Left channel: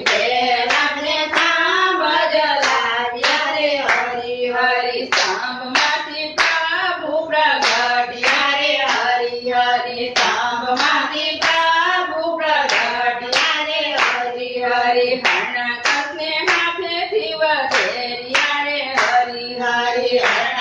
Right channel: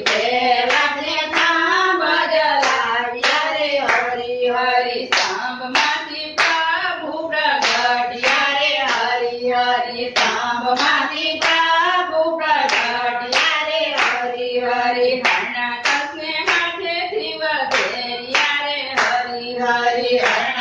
પ્રેરાને થાંભ જલાવ્યા રે હરી હરી થાંભમાંથી પ્રભુ પ્રગટ્યા રે હરી હરી થાંભમાંથી પ્રભુ પ્રગટ્યા રે હરી હરી હરણાકસને હાથેથી વધેર્યા રે હરી હરી